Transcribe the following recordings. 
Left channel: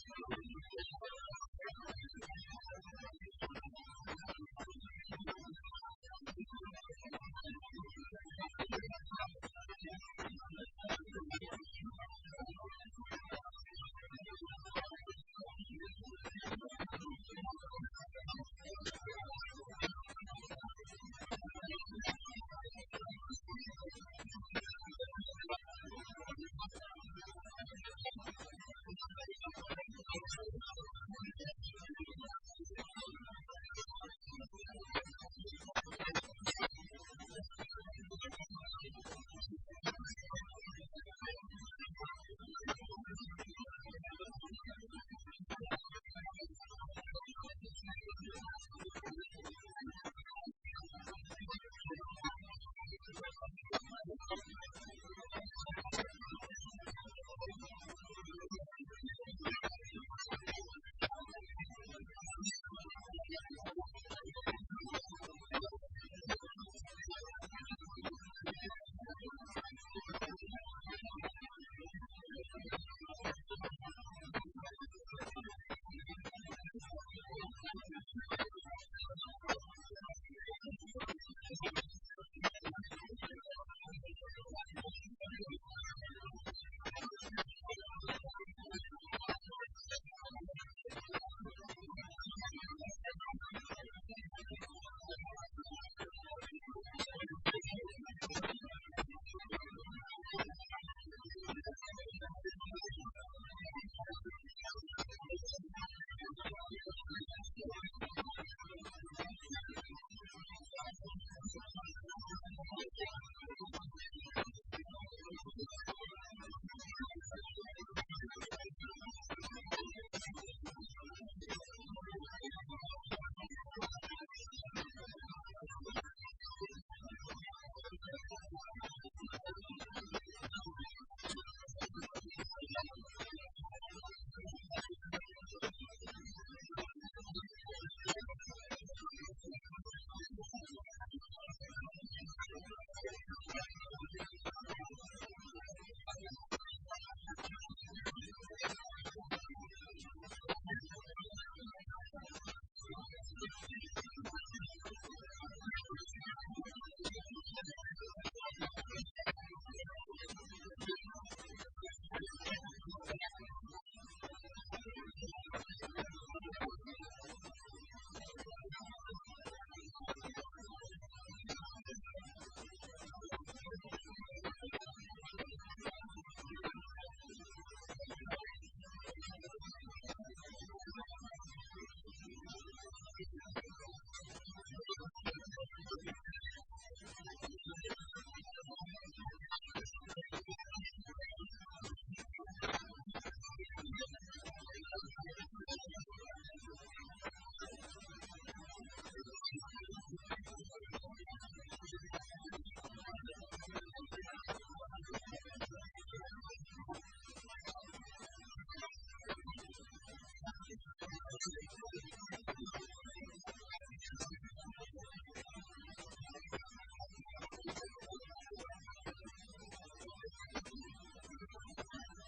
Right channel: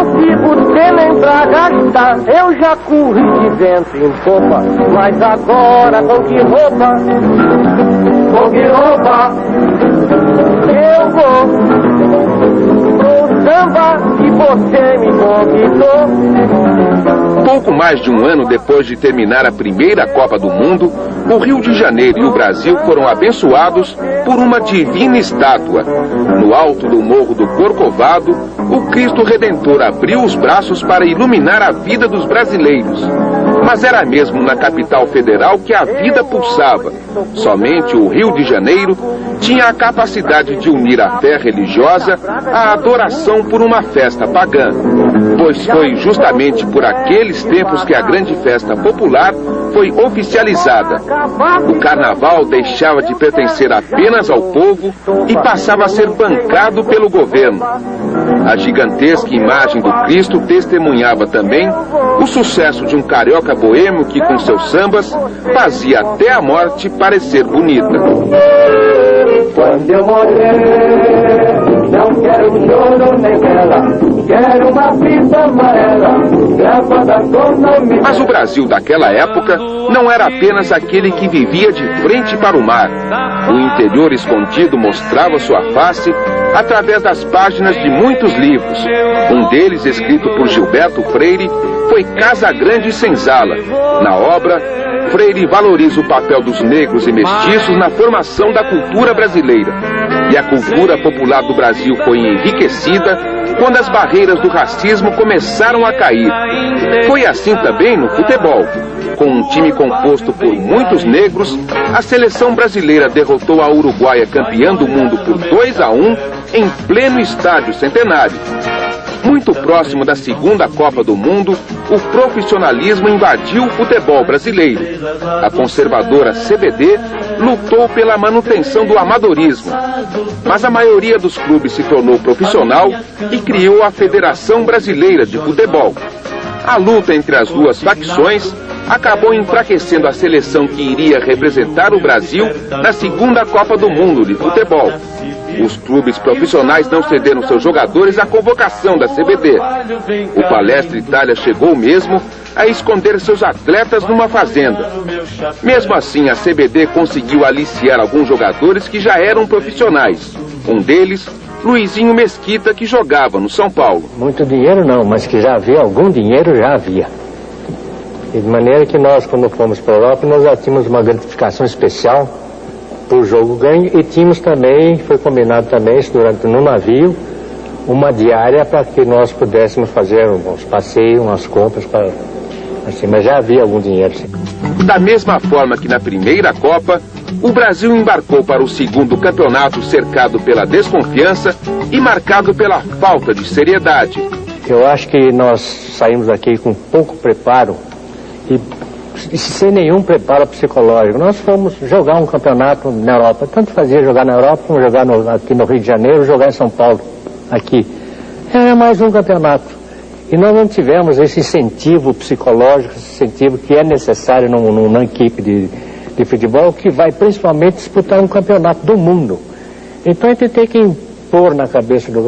consigo ter nem pra gastar. Eu já corri de vento em popa, mas agora com que roupa? Com que roupa? Eu vou pro samba que você me convidou. Pouco mais de um ano depois de terminar a primeira Copa do Mundo, o Rio de Janeiro e o Brasil foram abençoados por uma divina estátua. No alto do Morro do Corcovado, o Cristo Redentor abriu os braços para iluminar a vida dos brasileiros. Mas era mesmo na capital federal que a vida pulsava. Somente o Rio de Janeiro tinha a capacidade de unir a fé religiosa à adoração por uma festa pagã. Pois foi justamente por aqueles tempos que a grande festa popular foi oficializada. O carnaval deixava de pertencer apenas ao povo e passava a ser bancado pelo governo. A gigantesca imagem do Cristo testemunhava também o sucesso de um carioca boêmio que, com seus sambas, fazia até a morte parecer bonita. Quando eu morrer, não quero choro nem vela, quero uma fita amarela, gravada com nome. Mas o Brasil daquela época não era apenas aquele que vivia de frente para o mar. O interior escondido mostrava sua face através das páginas de muitos livros. Um deles, escrito por Gilberto Freire, foi Casa Grande e Senzala. Na obra, Freire valoriza o papel dos negros e mestiços na formação da cultura brasileira. E a cultura popular do Brasil foi enriquecida quando as barreiras do racismo começaram a cair. Foi assim também no futebol. Com um time composto por muitos negros, a seleção brasileira derrotou a Uruguaia, campeã do mundo, por 2-1 em pleno estádio Centenário. Muito próximo da segunda Copa do Mundo, o profissionalismo invadiu o futebol brasileiro. A conservadora CBD lutou pela manutenção do amadorismo. Mas a maioria dos clubes se tornou profissional e criou a Federação Brasileira de Futebol. A luta entre as duas facções acabou enfraquecendo a seleção que iria representar o Brasil na segunda Copa do Mundo de futebol. Os clubes profissionais não cederam seus jogadores à convocação da CBD. O Palestra Itália chegou mesmo a esconder seus atletas numa fazenda. Mesmo assim, a CBD conseguiu aliciar alguns jogadores que já eram profissionais. Um deles, Luizinho Mesquita, que jogava no São Paulo. Muito dinheiro não, mas que já havia algum dinheiro, já havia. E de maneira que nós, quando fomos para a Europa, nós já tínhamos uma gratificação especial por jogo ganho e tínhamos também, foi combinado também isso no navio, uma diária para que nós pudéssemos fazer uns passeios, umas compras, assim, mas já havia algum dinheiro. Sim. Da mesma forma que na primeira Copa, o Brasil embarcou para o segundo campeonato cercado pela desconfiança e marcado pela falta de seriedade. Eu acho que nós saímos aqui com pouco preparo e sem nenhum preparo psicológico. Nós fomos jogar um campeonato na Europa. Tanto fazia jogar na Europa como jogar aqui no Rio de Janeiro, jogar em São Paulo, aqui. Era mais um campeonato. E nós não tivemos esse incentivo psicológico, esse incentivo que é necessário numa equipe de futebol que vai principalmente disputar um campeonato do mundo. Então a gente tem que impor na cabeça do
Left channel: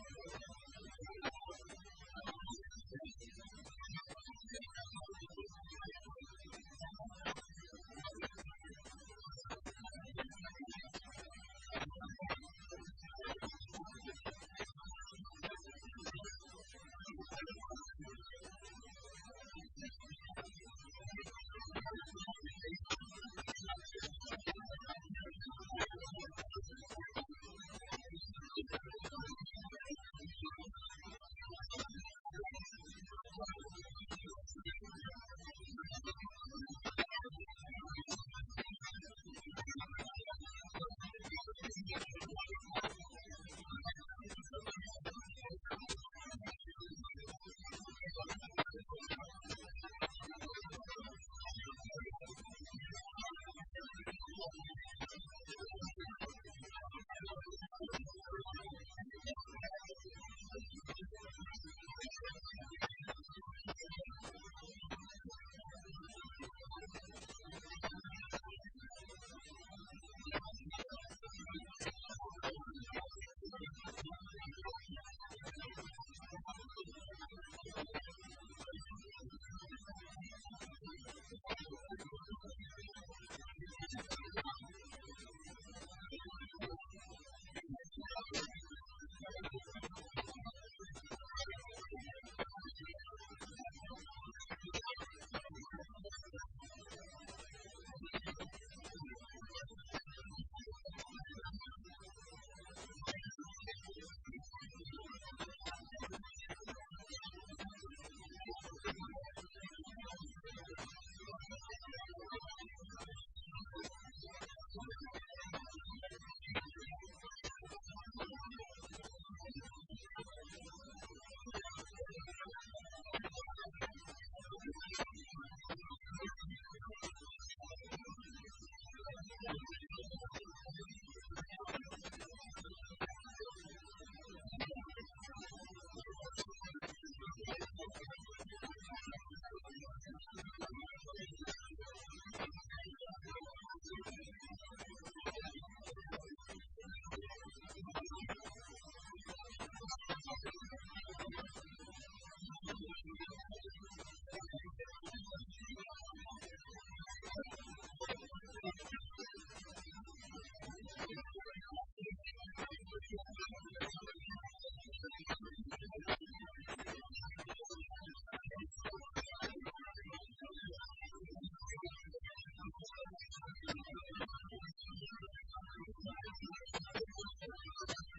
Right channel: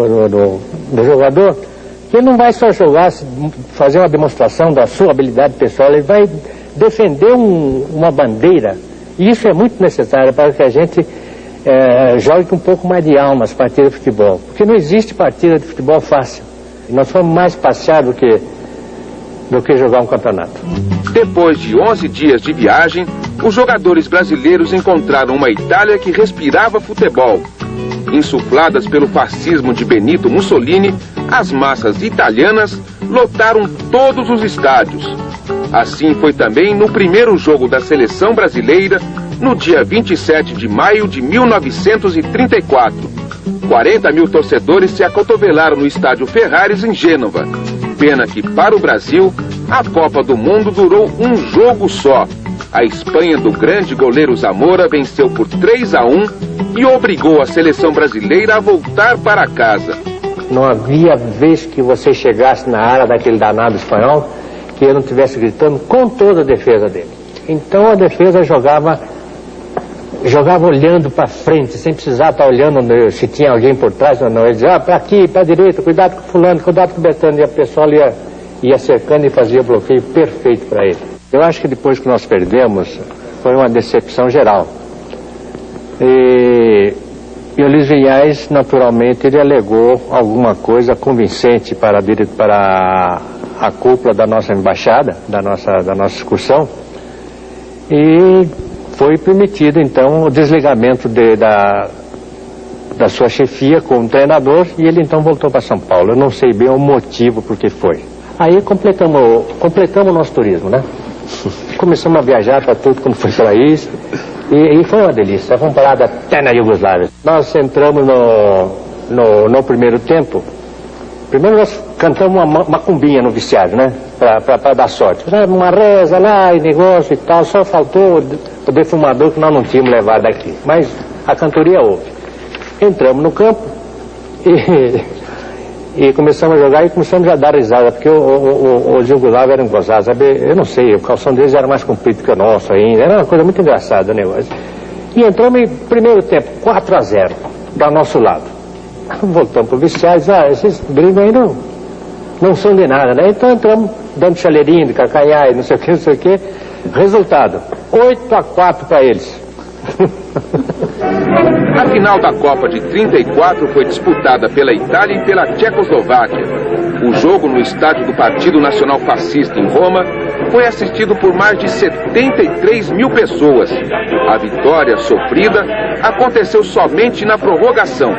jogador que ele não vai só jogar, fazer uma demonstração da sua habilidade pessoal, ele vai defender uma bandeira. E isso é muito necessário para que a gente jogue com um pouco mais de alma as partidas de futebol. Porque não existe partida de futebol fácil. E nós fomos mais passear do que jogar um campeonato. Depois de 11 dias de viagem, os jogadores brasileiros encontraram uma Itália que respirava futebol. Insufladas pelo fascismo de Benito Mussolini, as massas italianas lotaram todos os estádios. Assim foi também no primeiro jogo da seleção brasileira, no dia 27 de maio de 1934. 40 mil torcedores se acotovelaram no estádio Ferraris, em Gênova. Pena que, para o Brasil, a Copa do Mundo durou um jogo só. A Espanha do grande goleiro Zamora venceu por 3-1 e obrigou a seleção brasileira a voltar para casa. Não havia vez que você chegasse na área daquele danado espanhol que ele não estivesse gritando com toda a defesa dele. Então a defesa jogava jogava olhando para frente, sem precisar estar olhando se tinha alguém por trás ou não. Ele dizia, para aqui, para a direita, cuidado com o fulano, cuidado com o Betano. E a pessoa ia cercando e fazia bloqueio perfeito para ele. Eu acho que depois que nós perdemos, foi uma decepção geral. E o Luiz Vinhais, naturalmente, ele alegou alguma coisa convincente para a cúpula da nossa embaixada, da nossa excursão, e foi permitido, então, o desligamento da sua chefia como treinador, e ele, então, voltou para São Paulo. Eu não sei bem o motivo por que foi. Aí completamos o nosso turismo, né? Começamos a viajar para tudo como foi para isso. E foi uma delícia, fomos parados até na Iugoslávia. Nós entramos no primeiro tempo. Primeiro nós cantamos uma macumbinha no vestiário, né? Para dar sorte. Uma reza lá e negócio e tal, só faltou o defumador que nós não tínhamos levado daqui. Mas a cantoria houve. Entramos no campo e começamos a jogar e começamos a dar risada, porque os iugoslavos eram gozados, sabe? Eu não sei, o calção deles era mais comprido que o nosso ainda, era uma coisa muito engraçada o negócio. E entramos em primeiro tempo, 4-0, do nosso lado. Voltamos para o vestiário e disse, esses gringos aí não são de nada, né? Então entramos dando chaleirinho de cacaiá e não sei o que. Resultado, 8-4 para eles. A final da Copa de 34 foi disputada pela Itália e pela Tchecoslováquia. O jogo no estádio do Partido Nacional Fascista em Roma foi assistido por mais de 73 mil pessoas. A vitória sofrida aconteceu somente na prorrogação.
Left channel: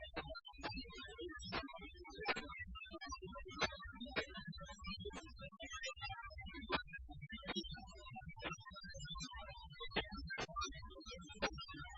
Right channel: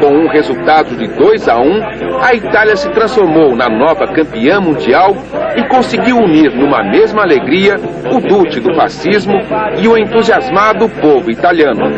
Com um resultado de 2-1, a Itália se transformou na nova campeã mundial e conseguiu unir numa mesma alegria o Duce do fascismo e o entusiasmado povo italiano.